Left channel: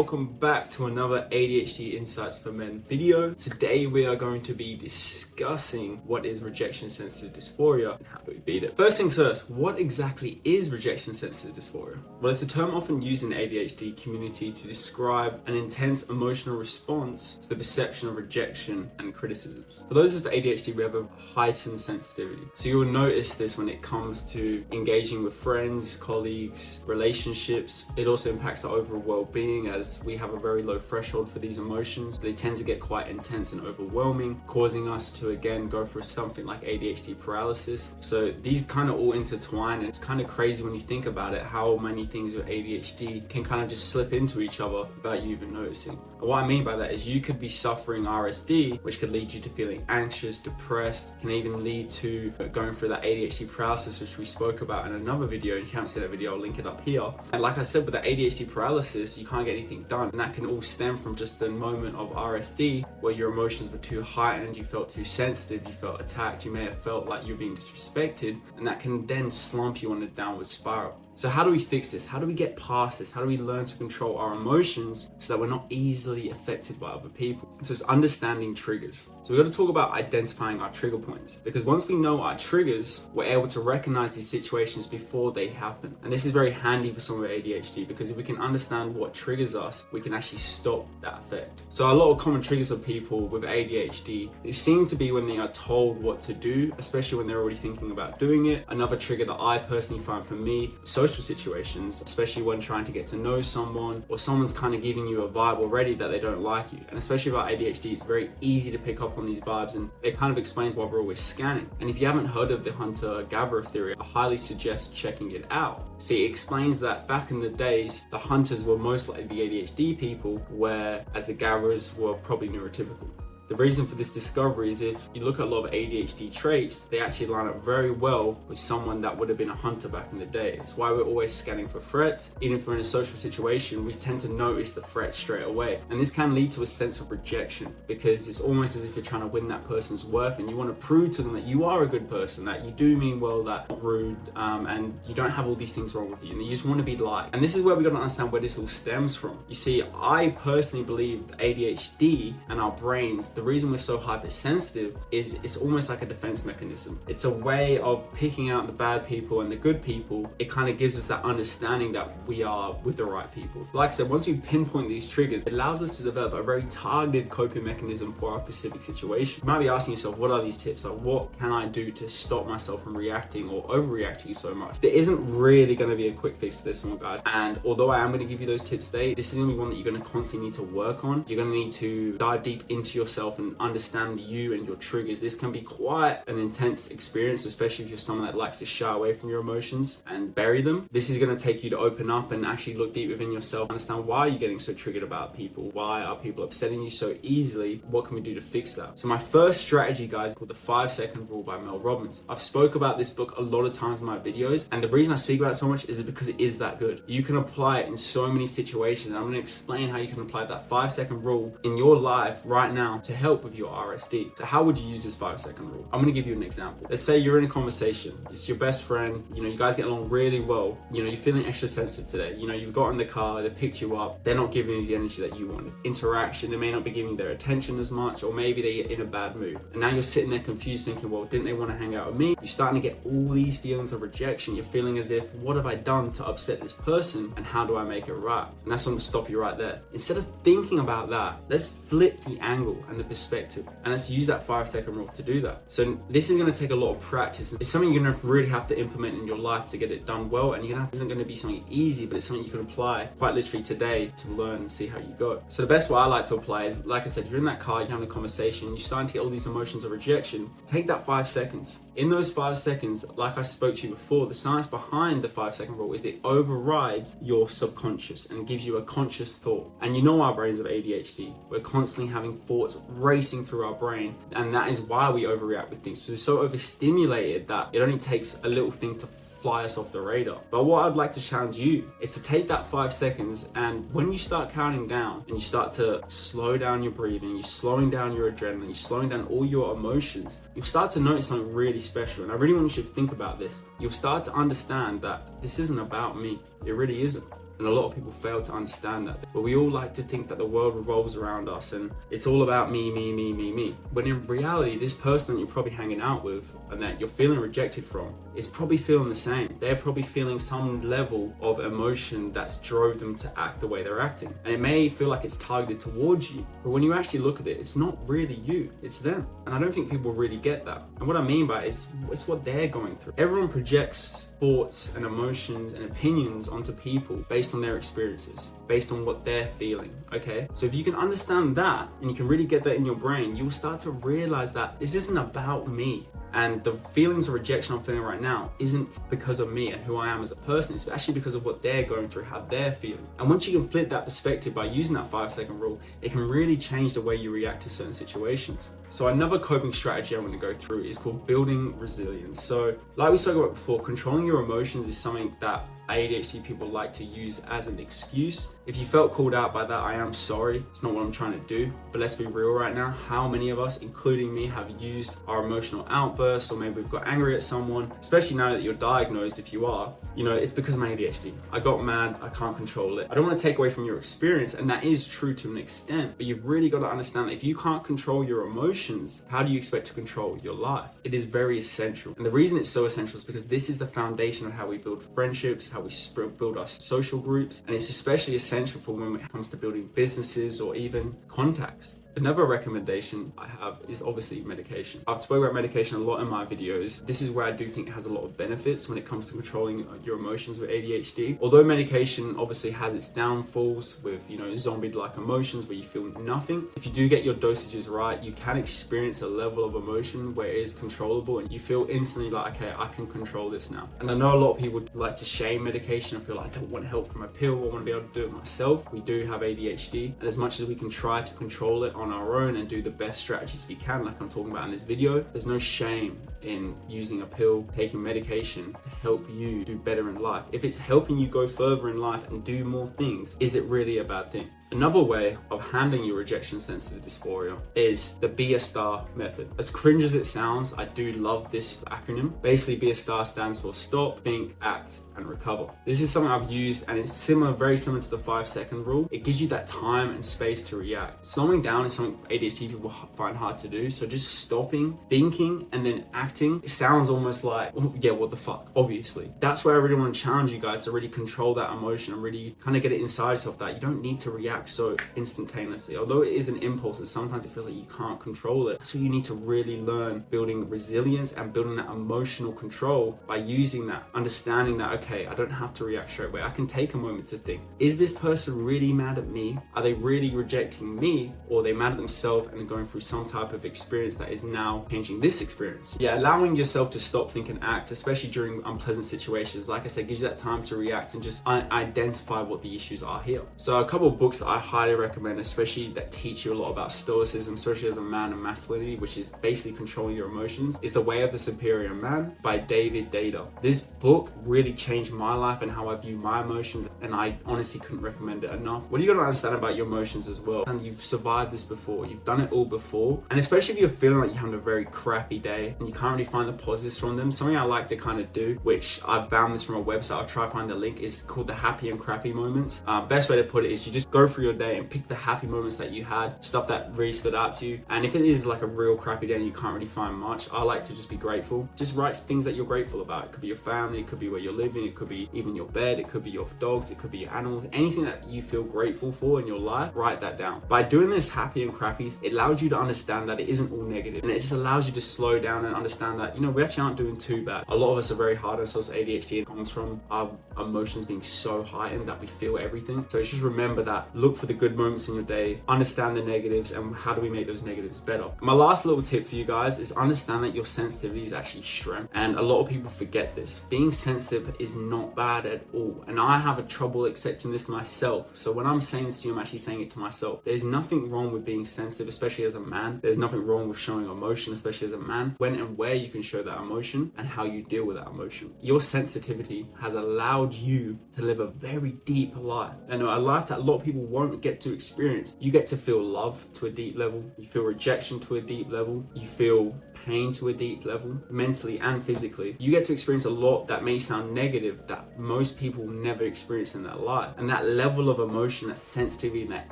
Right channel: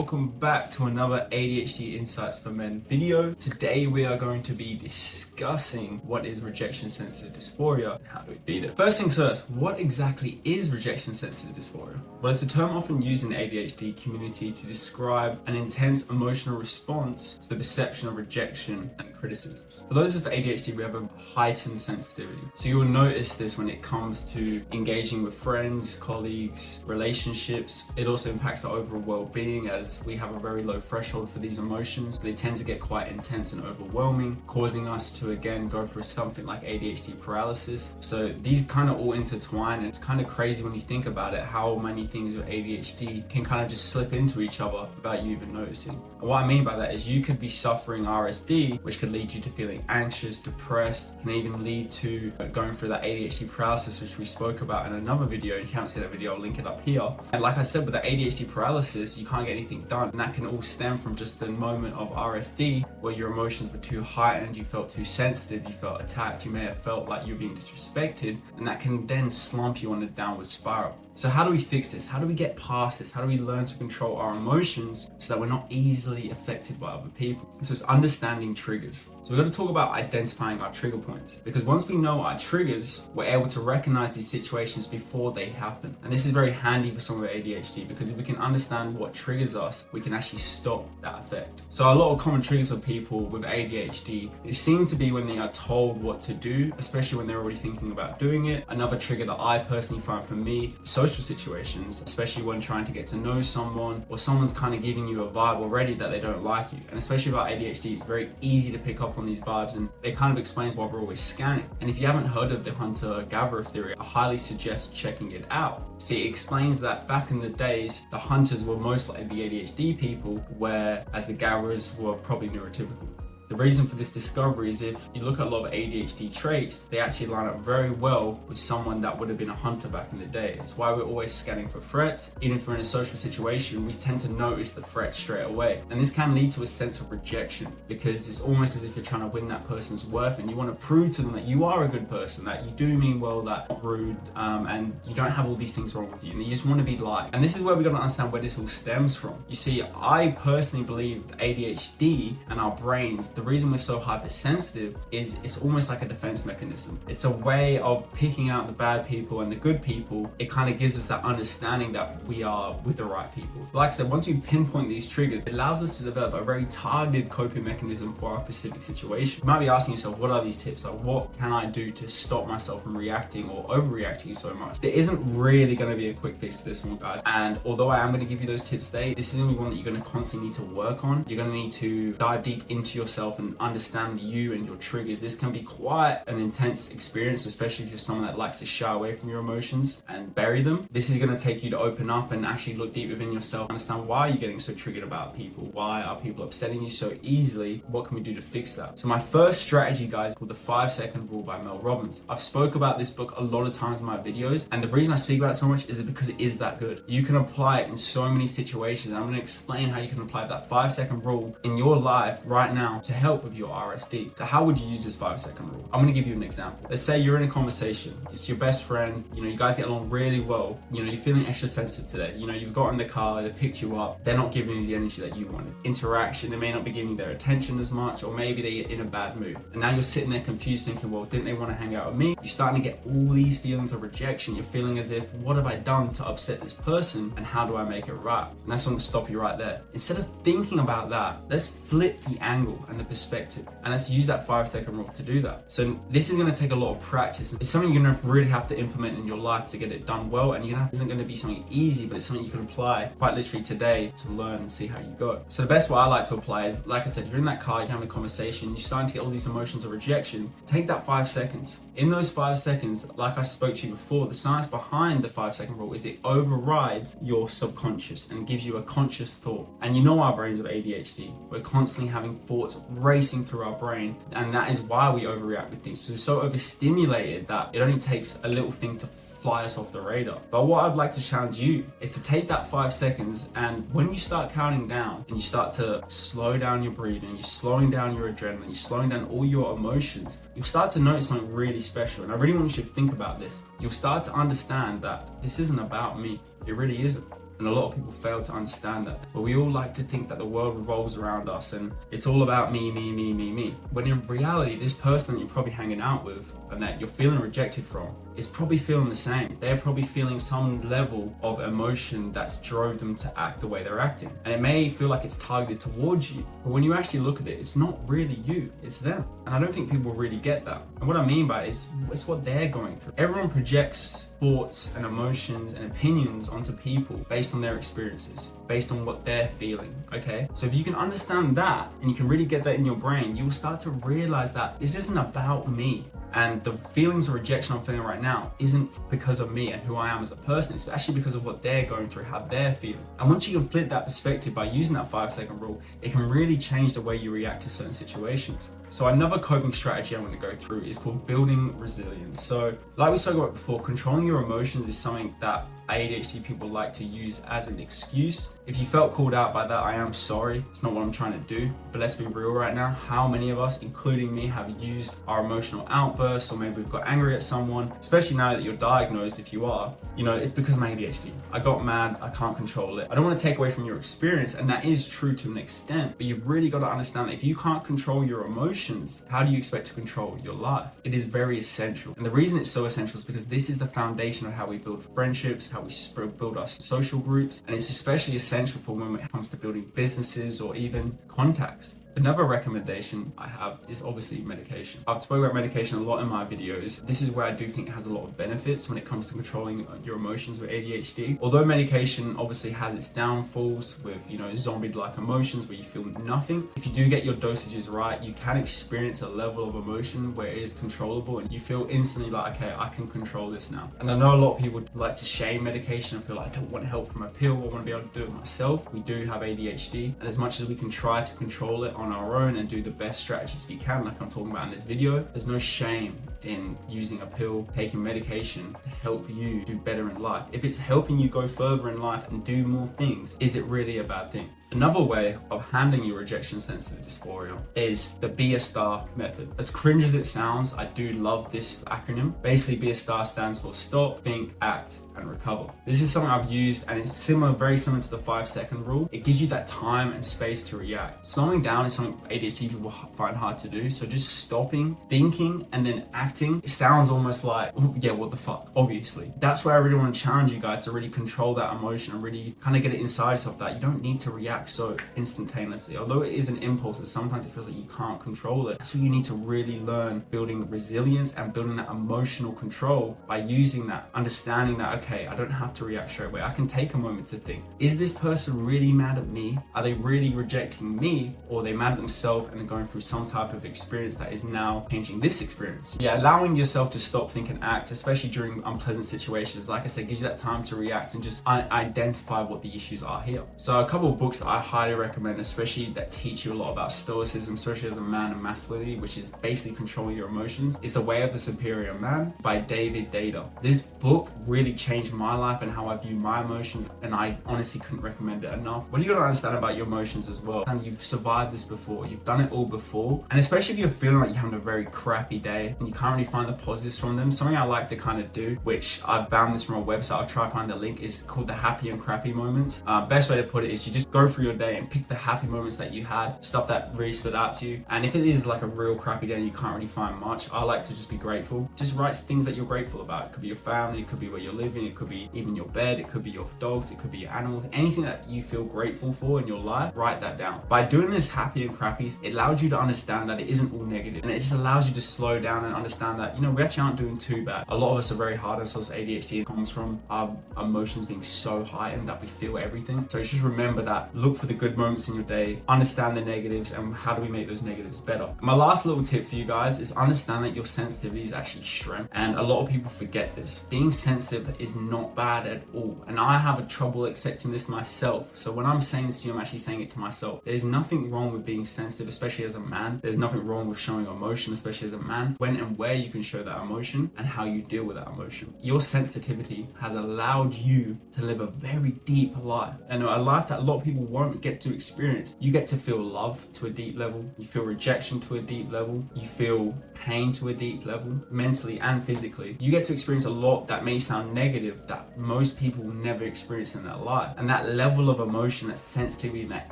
Welcome back to another ADHD Insights for Men video. Today we are going to be discussing what is rejection sensitive dysphoria and how do we beat it. First things first, what exactly is rejection sensitive dysphoria? Well, it's a term often used in the ADHD community to describe an intense emotional response to the perception of rejection and criticisms. For those with ADHD, we have a heightened sensitivity. So you will notice this when it comes to engaging with friends, colleagues, relationships. It also impacts our overall well-being as we have a very low threshold for these emotions. They tend to get quite intense and overwhelming, causing us to again go through something like ADHD paralysis. So these kind of all intertwine, and it's kind of crazy when you think about it, how many things with ADHD can kind of just slip into each other without you even noticing. And what I mean by that is you could be suffering RSD, which could lead you to feeling anxious, depressed, can even lead to going through that ADHD paralysis, which we spoke about in another video. If you haven't seen that video, I'll link it up here. And like I said, with the ADHD paralysis, you can't get anything done, and that can all stem from just the moment of RSD where your emotions were too heightened, you felt too sensitive, you felt attacked, you may have felt like you're being disrespected, and that can then slump you on a downward spiral. So how do we fix this? How do we get past this? How do we learn to control our emotions so that we're not easily affected by other people? So it's understanding triggers. So we're going to talk about identifying our trigger points, because once we know our triggers, we're able to recognize these situations before they happen. And this is very handy for someone with ADHD, because if we can understand what triggers us, we can actually stop that effect. So a lot of common triggers of people with ADHD, they seem to be when they are told what to do, especially when they're already thinking about doing it. Another trigger that I personally find for me, social situations, especially when trying to get to know someone, or someone's kind of giving you a vibe already that they don't like you. And especially about ADHD, it's very easy to pick up on these vibes, and it kind of explains why we're always scanning. And if you haven't heard of the hunter-gatherer theory, I highly suggest checking it out. See, it explains that back in the days, the hunters were most likely the ADHD people, whereas the gatherers were probably neurotypical. The reason for this discovery is if you look at a lot of ADHD traits, they actually line up very well with someone that would have been a hunter back in the day. It's why we're always scanning for threats. Even if we're in a social situation, we tend to notice the threat straight away. And this can lead to a sense of rejection, because it's almost as if you're trying to win that person's worth, and you want to prove to them that you are a good person, that you do mean well, that you're not rude, and you don't have all these things wrong with you, and you just want to be liked. And this is where we've got to understand where this all stems from. You see, I personally believe that ADHD and our brains, the reason we're so hypersensitive is it's almost like a defense mechanism. It's a way of picking out the bad people and the good people. It kind of gives us that understanding that we are with the right people. Like I said, once we pinpoint these triggers, it allows us to develop a very targeted coping mechanism for our specific situation. You might be asking yourself, what are these tips? Like, what can I do to stop myself from reacting or overreacting so much? There isn't really going to be a quick fix to this one, guys. And although I am going to give you those tips today, this is going to be one that you're going to constantly need to work on. You're going to need to dive deep into yourself and understand you and your triggers. This can be quite an intense experience, especially if you're someone that likes to shy away from your emotions and bury them. This is going to take you to open up and actually look deep within yourself, understand why you're getting so triggered about people. Why are people upsetting you so easily? What can we do to fix that? So my first strategy, guys, is called the 5-second rule by Mel Robbins. I've spoke about this book a lot of times in my videos, and the reason I speak about it so much is because it is that good. You can apply it in so many situations, and I'm going to explain how you can apply that 5-second rule in your life right now to help with your RSD. So how would you use this 5-second rule? I'm going to give you an example. Let's say you're in a conversation. It's your best friend. You guys get along really well. You're feeling extra sensitive today. You've got in the car, they picked you up. They're not giving you the energy that you wanted. Interaction, they may not be giving you their attention as much, or maybe they're in a bad mood. And now you're sitting there confused thinking, well, didn't they want to hang out with me? You're starting to get all these feelings of rejection. You're feeling as if, what have I done to upset this person, and how do I make it right? And that's going to stop you right there. Instead of thinking about that, let's flip the angle and the perspective, and let's use that 5-second rule to do that. So this is going to take a lot of practice. It's something you're going to really have to implement in your life to get it done well, and it isn't going to be something easy, but it's something you can apply quite literally today to learn and see how you go. So the best way I like to apply is, like I said, you're in that car, you're having a conversation, you're starting to get all these emotions of rejection. Take that 5 seconds. In those 5 seconds, like I spoke to you before, the science behind the 5-second rule is it overrides your subconscious and gives you a conscious thought. And our brains have ADHD. We're constantly having thoughts racing through our brain, and that is why we overreact with things. So we're so overstimulated that it only takes a little thing to fly us off the radar. But what I'd like to challenge you is to take that 5 seconds, and when you start counting down and you start to slow down your breathing, you're slowing down your adrenaline, you're slowing down all your emotions, you'll start to notice something really special. And I really want you to think about this. You'll start to understand that this isn't about me. It really isn't. And a lot of people fail to understand that. But we all like to think that the world revolves around us and it's all about me. When in reality, this person that you're probably hanging out with and that you're feeling rejected from is probably feeling the same. They're probably feeling some level of emotion that's drove them to act the way they're acting. And it may feel like it's targeted towards you, but when you actually look at it, it's not really you, it's them. And I don't think people really get that. And what I mean by it is, it's what they're going through. Everyone projects thoughts and emotions and opinions onto people based on their experiences, based on what they're feeling, okay? So if you can understand that and you can really get that in your brain, you will start to realize that this isn't about me. And the feelings of rejection I'm feeling right now isn't because of me and who I am as a person. It's actually because of what they're going through, how they're feeling. And once you can flip that perspective by using that 5-second rule, it can really change the way you react to certain situations. So another coping strategy I want to go through is called building resilience. So like we spoke about before, controlling your emotions is something that ADHD people like to use as an excuse. If you felt called out by that, I am sorry. It's not what I'm trying to do. But let's be real right now. How many of us, including me, have used our emotional outbursts, or maybe we've got angry at someone, especially now that you're diagnosed, if you are, it's because of my ADHD. I got mad, I can't control it. I don't want to take away from your experience, and that is true to an extent, but you've really got to understand that if you can't control your emotions, how do you expect to control your life? It is very essential. And the reason it's so essential is because this is the foundation of how we build friendships, how we build our social groups, and it's especially essential for when it comes to building businesses or even contacts. Another recommendation I have is obviously medication. I've spoken about medication a lot in my videos. This is where I do think it has a lot of benefits when it comes to controlling your emotions with ADHD. Although medication obviously has its downfalls with, zombie-like emotions where you feel nothing. If you do get your dosages right, you can experience a level of emotion where it is controllable and you feel instantly like, okay, I can control this now. And I know a lot of people like to shame medication and feel like, I don't want help from a pill, I want to be able to do it myself. We do have ADHD, and as much as we can try to control it on our own and do the best strategies we can, like I'm talking about in this video, there's no shame in using a pill, taking medication to help you do better in life. If it's helping you go further in life and do more things, is it really a bad thing? Another way of handling your rejection sensitive dysphoria is the Be a Star method. As cringe as it sounds, I do love this acronym. Basically, Be a Star stands for stop, think, act, and recover. This is something I've used, and it's very similar to the 5-second rule. It gives you that time and space to react. Slowing down is something ADHD people find hard to do. So just stopping, thinking, and then acting, it sounds almost like, oh, yeah, what the fuck, obviously. That's where I really want to challenge you guys to really control that emotion and really kind of get it inside yourself that you don't need to react so instantaneously. Although it is an impulse, and sometimes it feels like you can't control it. That's what you need to really learn, building resilience and building that emotional control by using that, understanding that, okay, I don't have to react straight away. I can take a moment to think, is this person really mad at me? Are they really rejecting me? Or are they mad at themselves and are going through some type of experience that is now changing this experience? Yeah, allowing yourself to stop, think, and act, especially during unpleasant situations, like I said, gives you that time to react and just identify what the issues are here. So a couple of books I highly recommend, especially that teach you a lot about stoicism, especially as a man and masculinity, which is basically controlling your emotions, is The Way of the Superior Man by David Data. This book really changed my life and how I view my emotions, and I honestly couldn't recommend it enough. What you gotta understand about your emotions as well, and you've survived this before, you've done it all before, and especially if you're feeling like you're having a very crappy day and you can't really find the positives from them, something I like to kind of do, which I've found this from a website, I'll try to find the link, is called the happy and crappy moments. Best way to put it is you just go through your day and pick the happy moments that you had, stuff that really stood out to you, and if it is like a real crappy day and you can't really find much, I like to just be grateful. Just write things that you're grateful about. It could be your family, it could be where you're living, it could be even your bed, it could be your dogs, it could be your animals, anything that you feel grateful for in your life, write that down. By doing this happy and crappy, it allows you to understand that it isn't all negative, and it just allows you to slow down and understand that, we actually aren't doing too bad. A lot of us are very hard on ourselves. ADHD comes from our emotions being so heightened that we feel everything. So just remember that, look for the good moments in your day, understand the negatives, and how do we make those negatives better. My last little tip for you guys is understand that your sensitivity is actually strength, and a lot of people forget this. Being sensitive is not bad at all, and I have a trouble accepting this myself. So when I'm saying this to you, I'm actually saying it to myself. There's nothing wrong with being sensitive, especially as a man. There's nothing wrong with showing emotion, especially as a man. When and where you can show that emotion and how you deal with that emotion. Your sensitivity has allowed you to live a very deep life, and a life that a lot of people won't get to experience. You get to feel love to a deep level, you feel rejection to a deep level, you feel pain to a deep level, mentally and physically. You get to experience a lot that may sound negative that most people never experience in their life. And that level of emotion, that sensitivity, and that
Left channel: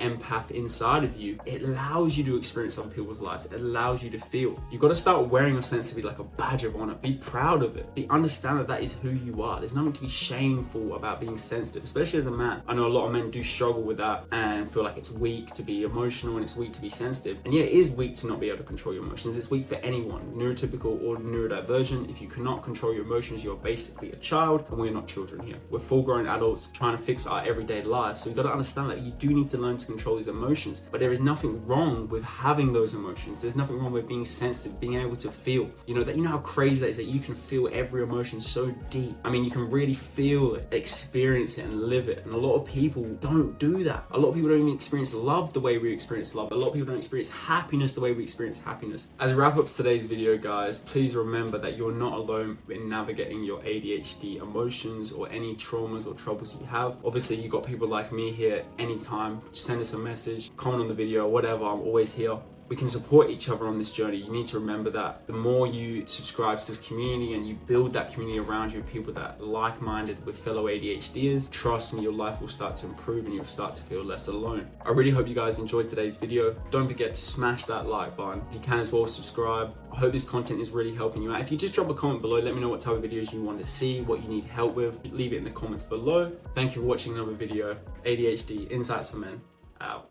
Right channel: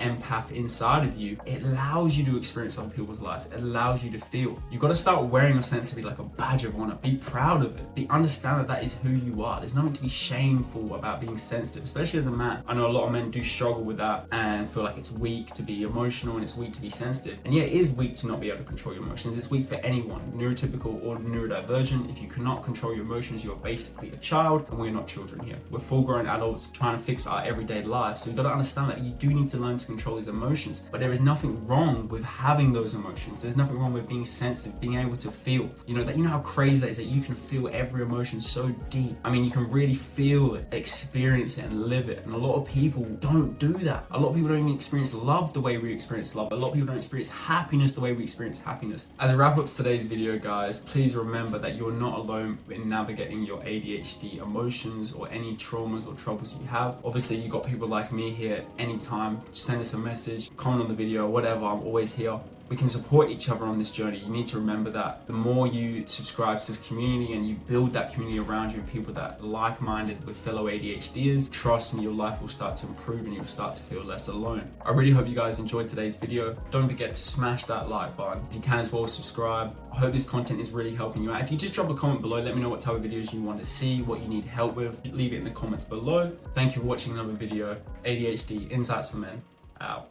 empath inside of you, it allows you to experience other people's lives. It allows you to feel. You've got to start wearing your sensitivity like a badge of honor. Be proud of it. Understand that that is who you are. There's nothing to be shameful about being sensitive, especially as a man. I know a lot of men do struggle with that and feel like it's weak to be emotional and it's weak to be sensitive. And yeah, it is weak to not be able to control your emotions. It's weak for anyone, neurotypical or neurodivergent. If you cannot control your emotions, you're basically a child, and we're not children here. We're full-grown adults trying to fix our everyday lives. So you've got to understand that you do need to learn to control these emotions, but there is nothing wrong with having those emotions. There's nothing wrong with being sensitive, being able to feel. You know how crazy that is, that you can feel every emotion so deep. I mean, you can really feel it, experience it, and live it. And a lot of people don't do that. A lot of people don't even experience love the way we experience love. A lot of people don't experience happiness the way we experience happiness. As I wrap up today's video, guys, please remember that you're not alone in navigating your ADHD emotions or any traumas or troubles you have. Obviously, you got people like me here anytime. Just send us a message, comment on the video, whatever. I'm always here. We can support each other on this journey. You need to remember that the more you subscribe to this community and you build that community around you with people that are like-minded with fellow ADHDers, trust me, your life will start to improve and you'll start to feel less alone. I really hope you guys enjoyed today's video. Don't forget to smash that like button. If you can as well, subscribe. I hope this content is really helping you out. If you just drop a comment below, let me know what type of videos you want to see, what you need help with. Leave it in the comments below. Thank you for watching another video. ADHD Insights for Men, out.